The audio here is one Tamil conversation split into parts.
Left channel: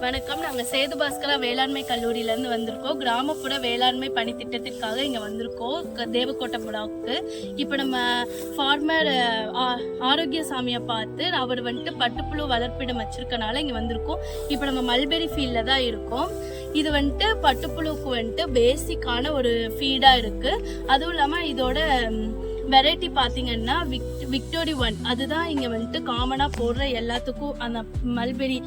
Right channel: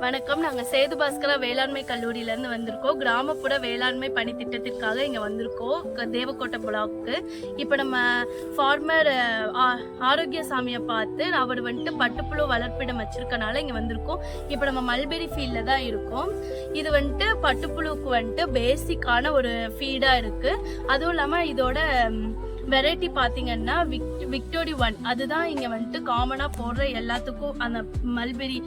வணக்கம். நாங்கள் சேது பாஸ்கரா வேளாண்மை கல்லூரியிலேருந்து வந்திருக்கோம். கிராமப்புற வேளாண்மை பணி திட்டத்திற்காக இங்கே வந்திருக்கோம். க- தேவக்கோட்டை பிளாக்கு. இப்போ நம்ம ஃபார்மர் ஆரோக்கியசாமியை பார்த்து அவர் வந்துட்டு பட்டுப்புழு வளர்ப்பிடம் வச்சிருக்கனால இங்கே வந்திருக்கோம். இப்போ நம்ம மல்பெரி ஃபீல்டில் தான் இருக்கோம். இது வந்துட்டு பட்டுப்புழுவுக்கு வந்துட்டு பேசிக்கான ஒரு ஃபீடாக இருக்குது அதுவும் இல்லாமல் இதோட வெரைட்டி பார்த்தீங்கன்னா விக் விக்டோரி ஒன். அதுதான் இங்கே வந்துட்டு காமனாக போடுற எல்லாத்துக்கும் அந்த மல்பெரி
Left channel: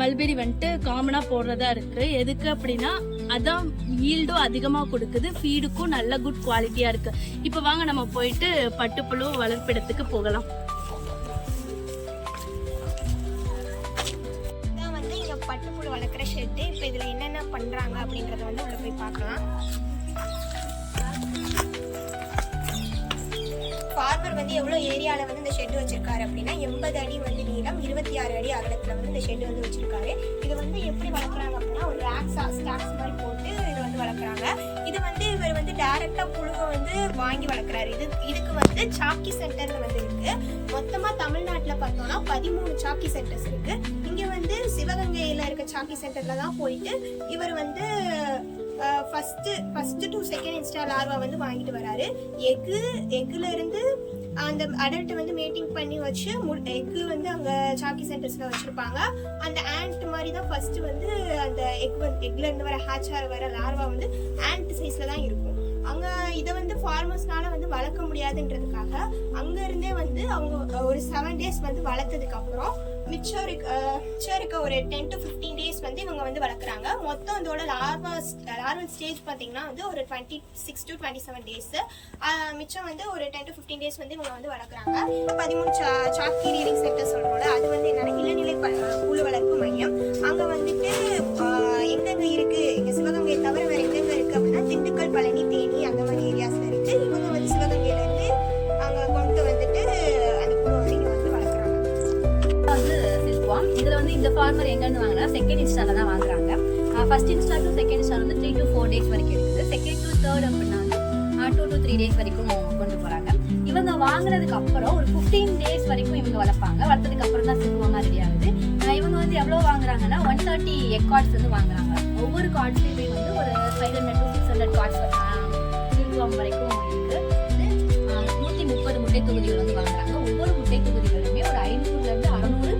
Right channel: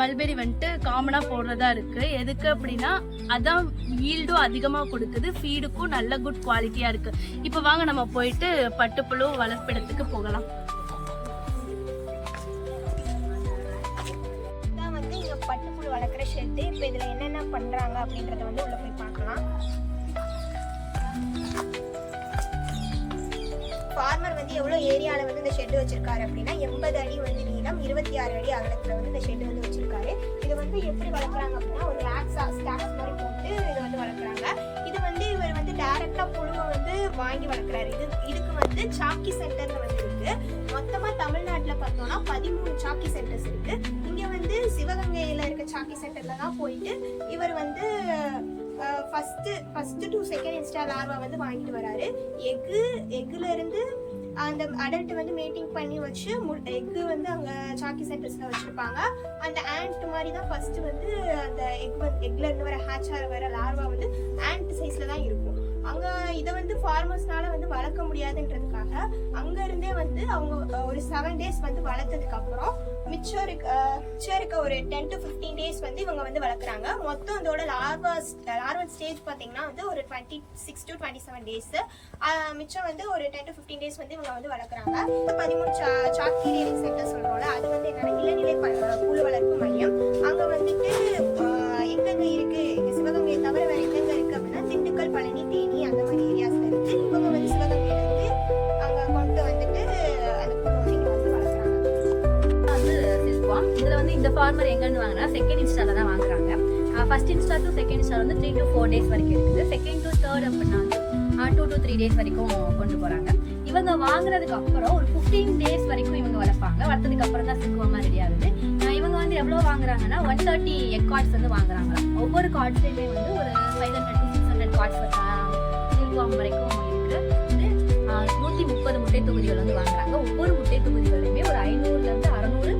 மல்பெரி வந்துட்டு காமனாக போடுறதா இருக்குது எதுக்கு அப்படின்னா அதான் ஈல்டும் அதிகமாக கொடுக்குது ஃபீடுக்கும் நல்ல குட் குவாலிட்டியாக இருக்குது இப்போ வாங்க நம்ம போயிட்டு பட்டுப்புழு வளர்ப்பிடத்துக்கு போகலாம். இதான் வந்து இங்கே பட்டுப்புழு வளர்க்குற ஷெட்டு இப்போ இதில் என்னென்ன பண்ணுறாங்க அப்படின்றத வந்து உள்ளே போய் பார்க்கலாம். ஃபார்மர் வந்து எவ்வளோ ஏரியாவில் வந்து இந்த ஷெட் வச்சிருக்காரு அப்படின்னா எண்பது அடி வந்து நீளம் இருபத்தி ஆறு அடி அகலத்தில் வந்து இந்த ஷெட் வந்து வச்சிருக்காரு. இது வந்து எப்படி வளர்க்குறாங்க அப்படின்னா ஒரு ரேக்ஸா ஸ்டாக்ஸ் மாதிரி போட்டு இதை வந்து வளர்க்குறாங்க. இது வந்து இவர் வந்து டைரெக்டாக புழுவை வந்து வாங்கி வளர்க்குறாரு. இது இதுக்கு வந்து சாக்கி சென்டர்னு வந்து இருக்கு. மொத்தமாக தமிழ்நாட்டில் பார்த்தோம்னா பதிமூணு சாக்கி சென்டர்ஸ் இருக்கு. இங்கே வந்து சிவகங்கையில் இருக்க சாக்கி சென்டரில் தான் போயிட்டு இவர் வந்து first first to second instar larva வந்து வாங்கிட்டு வராரு. எக்கு எக்குல இருந்து அந்த அடல்ட்டை வந்து மீட்டிங் பண்ணி வச்சு மு எக்கு வந்து அங்கே சாக்கி சென்டர்ஸில் வச்சுருப்பாங்க. அந்த ஆண்ட் மாதிரி தான் ஃபஸ்ட்டு வந்து அந்த எக் வந்து எக்லேருந்து வர ஹேச் ஆகிற வர லார்வா வந்து ஆண்ட் சைஸில் தான் இருக்கும். அங்கே இதை வந்து ஃபார்மர்ஸ்னால வந்து வளர்க்க முடியாதுன்றதுக்காக அங்கேருந்தே வந்து அவங்க ஒரு செவன் டேஸ் வந்து வளர்த்ததுக்கப்புறம் மிச்சம் இருக்க மிச்சம் இருக்க ஒரு டென் டு ஃபிஃப்டீன் டேஸ் வந்து இவங்க வந்து வளர்க்குறாங்க. மொத்தம் அதோட லார்வா லார்வல் ஸ்டேஜ் பார்த்தீங்கன்னா வந்து ஒரு twenty six to twenty seven days மிச்சம் வந்து ஒரு டென் டு ஃபிஃப்டீன் டேஸ் வந்து இவங்க வந்து வளர்க்குறாங்க. பதிமூணு சா சாக்கி ரீடிங் சென்டர் சொல்கிறோம்ல இந்த ஃபார்மர் எங்கேருந்து வாங்கினா செகண்ட் இன்ஸ்டால தான் வாங்குறாங்க. First instar to second instar வந்து த்ரீ டு ஃபோர் டேஸ் வரைக்கும் இருக்குது. செகண்ட் டு தேர்ட் அப்படின்னா வந்து டூ டு த்ரீ டேஸ் வரைக்கும் கொண்டு போகிறாங்க இவங்க வாங்குறதுக்கு அப்புறம் ஒரு ஃபிஃப்டீன் டேஸ் வரைக்கும் இவங்க வளர்ப்பாங்க. வளர்த்ததுக்கு அப்புறம் தான் சில்க்வாமாக ரெடி ஆகுது. இவங்க வந்து எவ்வளோ வாங்குறாங்கன்னா ஒன் தேர்ட்டி எக் கார்ட்ஸ் வந்து வாங்குறாங்க. ஒவ்வொரு கார்ட்ஸ்லையுமே வந்து ஒரு five hundred to six hundred cards silkworm வரைக்கும் இருக்குது நூற்றி முப்பது முட்டை தொகுதிகள் வந்து வாங்குறாங்க. ஒவ்வொரு முட்டை தொகுதிகளுமே ஒரு ஐநூறுலேருந்து அறநூறு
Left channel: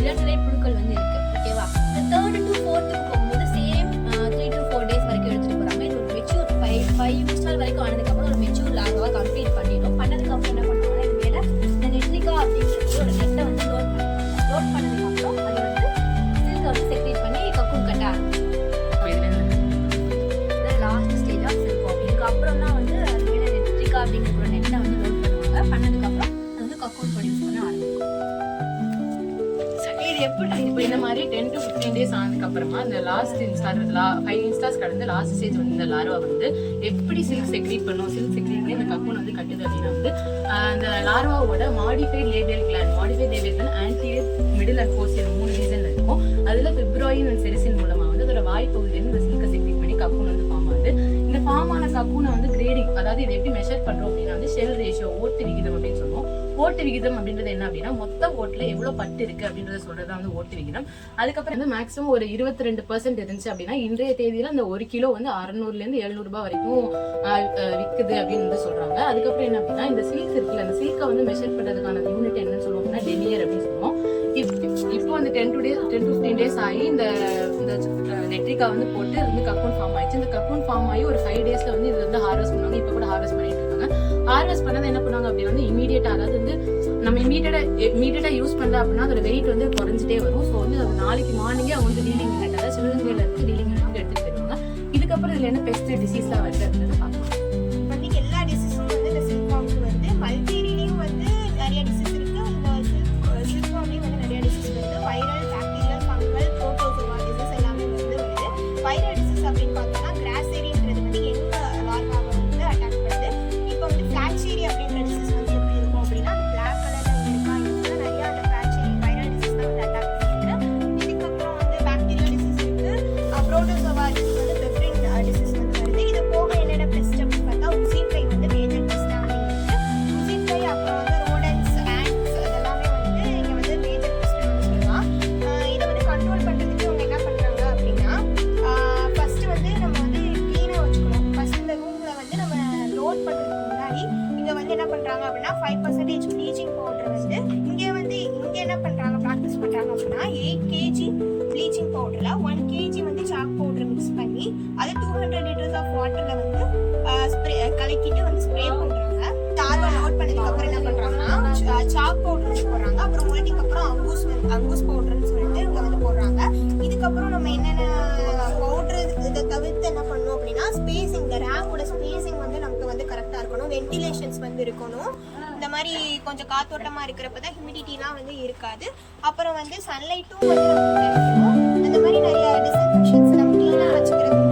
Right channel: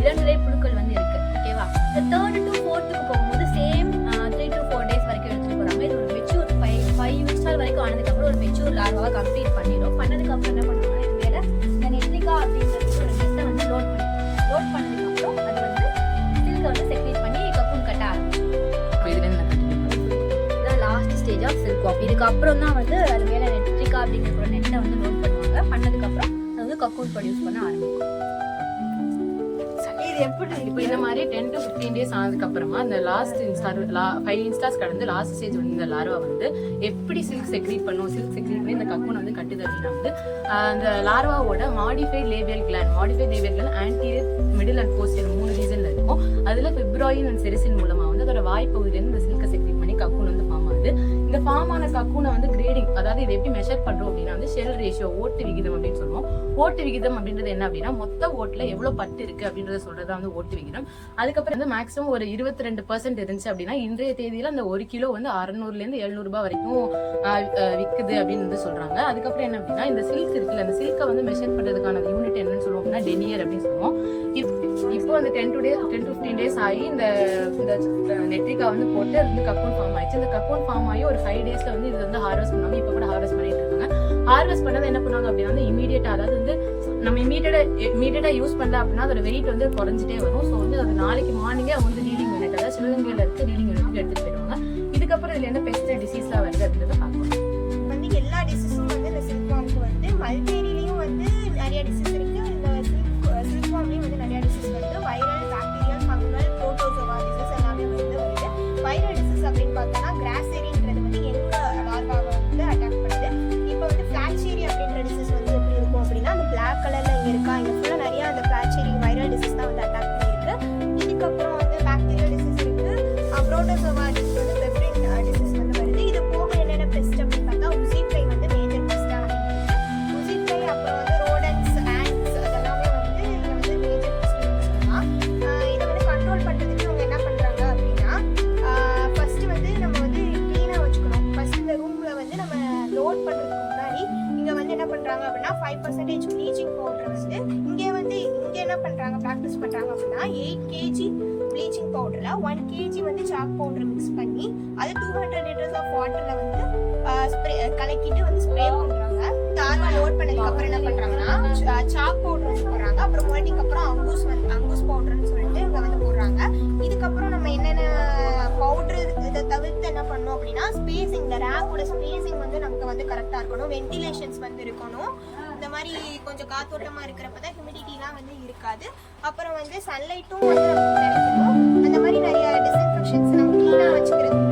இளநிலை புழுக்கள் வந்து இருக்கு ஓகேவா இந்த தேர்ட் டு ஃபோர்த்துக்கு போகும்போது same three to four days வரைக்கும் எடுத்துட்டு போறாங்க இது ஒரு மெச்சூர் ஃபைவ் ஃபைவ் இன்ஸ்டால் வரைக்கும் ஆனதுக்கப்புறம் ஒரு மெச்சூர் லார்வாக கம்ப்ளீட் பண்ணிடும். பண்ணதுக்கப்புறம் என்ன பண்ணுவாங்கன்னா இது மேலே இந்த நெட்ரிகா அப்படிங்கிறது ஒரு நெட்டை வந்து லோட் பண்ணிடும். லோட் பண்ணதுக்கப்புறம் அது வந்து சில்கை வந்து செக்ரேட் பண்ணி கக்கூன் கட்ட ஆரம்பிக்கும் last stage of silkworm இதுக்கப்புறம் தான் வந்து அது மேலே நெட்ரிகா அப்படிங்கிற நெட்டை வந்து லோட் பண்ணுவாங்க. பண்ணதுக்கப்புறம் அது வந்து கக்கூன் ப்ரொடியூஸ் பண்ண ஆரம்பிக்கும். இது எப்படி இப்போ இந்த மாதிரி டென் டு ஃபிஃப்டீன் டேஸ் ஆனதுக்கு அப்புறமா அந்த லாஸ்ட் இன்ஸ்டார் ஃபைவ் இன்ஸ்டாஸ் கடந்து லாஸ்ட் ஸ்டேஜ் வந்து இந்த லார்வா வந்து எப்படி சில்க் செக்ரீட் பண்ணும்? சில்க் செக்ரீட் இந்த கக்கூன் வந்து கட்டுது அப்படின்னா வந்து அந்த லார்வாவோட modified labial gland modified labial gland anterior middle and posterior மூணு ரீசன் இருக்கும். அதில் பிப்ராயின் அண்ட் செரிசின் மூலமாக வந்து அதோட வாய்ப்பகுதியில் இந்த சில்க் இந்த ஃபார்ம் வந்து கிரேடிங் அதாவது இது எப்படி மெஷர் பண்ணுறோம் அப்படின்னா வந்து ஷெல் ரேஷியோ ஓட்டு விகிதம் அப்படின்னு சொல்லுவோம். ஓட்டு விகிதம் அப்படின்றது என்ன அப்படின்னா மொத்த ஓட்டில் எவ்வளோ பட்டு இருக்கு அப்படின்றத சொல்கிறது வந்து ஓட்டு விகிதம். அதுக்கப்புறம் வந்து மேக்ஸிமம் ஒரு இருபத்தி ரெண்டு பர்சன்ட் இருந்துச்சு அப்படின்னா இன்றைய தேதியில் அந்த ஒரு கிலோ வந்து அறநூறுலேருந்து எழுநூறுபா வரைக்கும் விற்குது அப்படின்னு வந்து சொல்கிறாங்க அதுக்கப்புறம் என்ன அப்படின்னா இந்த சில்க் இருக்குல்ல அந்த சில்கை வந்து மெஷர் பண்ணுறதுக்கான யூனிட் என்னன்னு சொல்லுவோம். இப்போ அந்த ten to days ten to fifteen days ஆகி இந்த இந்த நெட்ரிகா வந்து போட்டு அது வந்து கக்கூன் ஃபார்ம் ஆயிடுச்சு. இந்த கக்கூன் ஃபார்ம் ஆகி ஒரு ஃபைவ் டேஸ்ல வந்து இது வந்து ஹார்வெஸ்ட் பண்ணுவாங்க. இப்போ கூட ஹார்வெஸ்ட் பண்ணிட்டு இருக்காங்க. ஹார்வெஸ்ட் பண்ணதை என்ன பண்ணுவாங்க அப்படின்னா வந்து இமீடியட்டா அதாவது வந்து நம்ம இமீடியட்டா இமீடியட்டா யூஸ் பண்ணல அப்படின்னா அதோட வெயிட் வந்து குறைஞ்சிட்டே வரும். ஸோ வந்து அது நாளைக்கு மார்னிங்கே அவங்க வந்து ரீடிங் யூனிட் அதாவது சிவகங்கையில் இருக்க ரீடிங் யூனிட் எடுத்துகிட்டு போயிருவாங்க இதுக்கப்புறம் இதில் என்ன பெஸ்ட் டிசீஸ்லாம் வருது அப்படின்றத பார்க்கலாம். என்ன பண்ணுறாங்க அப்படின்னா ஃபைவ் பர்சன்டேஜ் ப்ளீச்சிங் பவுடர் வந்து இங்கே வந்து இங்கே என்ன பண்ணுறாங்க ப்ராக்டிஸ் பண்ணுறாங்க அப்படின்னா எயிட் கேஜி ப்ளீச்சிங் பவுடரில் ஒன் கேஜி வந்து சாக் பவுடர் மிக்ஸ் பண்ணி அது டூ ஹண்ட்ரட் லிட்டர்ஸ் ஆஃப் வாட்டரில் வந்து ஸ்ப்ரே கலக்கிட்டு வந்து ஸ்ப்ரே பண்ணுறாங்க தார்வா லோட் பண்ணதுக்கப்புறம் என்ன பண்ணுறாங்கன்னா சாக் பவுடர் வந்து போடுறாங்க. அப்புறம் மொல்டிக்கு அப்புறம் அங்கூஸ் வந்து அங்கூஸ் பவுடர்னு சொல்லிட்டு இங்கே வந்து போடுறாங்க. இதுக்கப்புறம் நம்ம என்னென்ன பவுடர் இதை தவிர்த்து என்ன பண்ணணும் அப்படின்னா ஸ்பேஸிங் இந்த ரேக்கோட ஸ்பேஸ் இருக்கணும் வென்டிலேஷன்ஸ் வந்து இருக்கணும். இந்த மாதிரி கொஞ்சம் காத்தோட்டமா இருக்கிறப்ப தான் ஹியூமிடிட்டிலாம் வந்து இருக்காது. அப்புறம் வந்து சன்லைட்டும் வந்து நமக்கு கிடைக்கும். அந்த மாதிரி நிறைய டிஸ்இன்ஃபெக்ஷன்ஸ் நம்ம க்ளீனாக வச்சுக்கிறது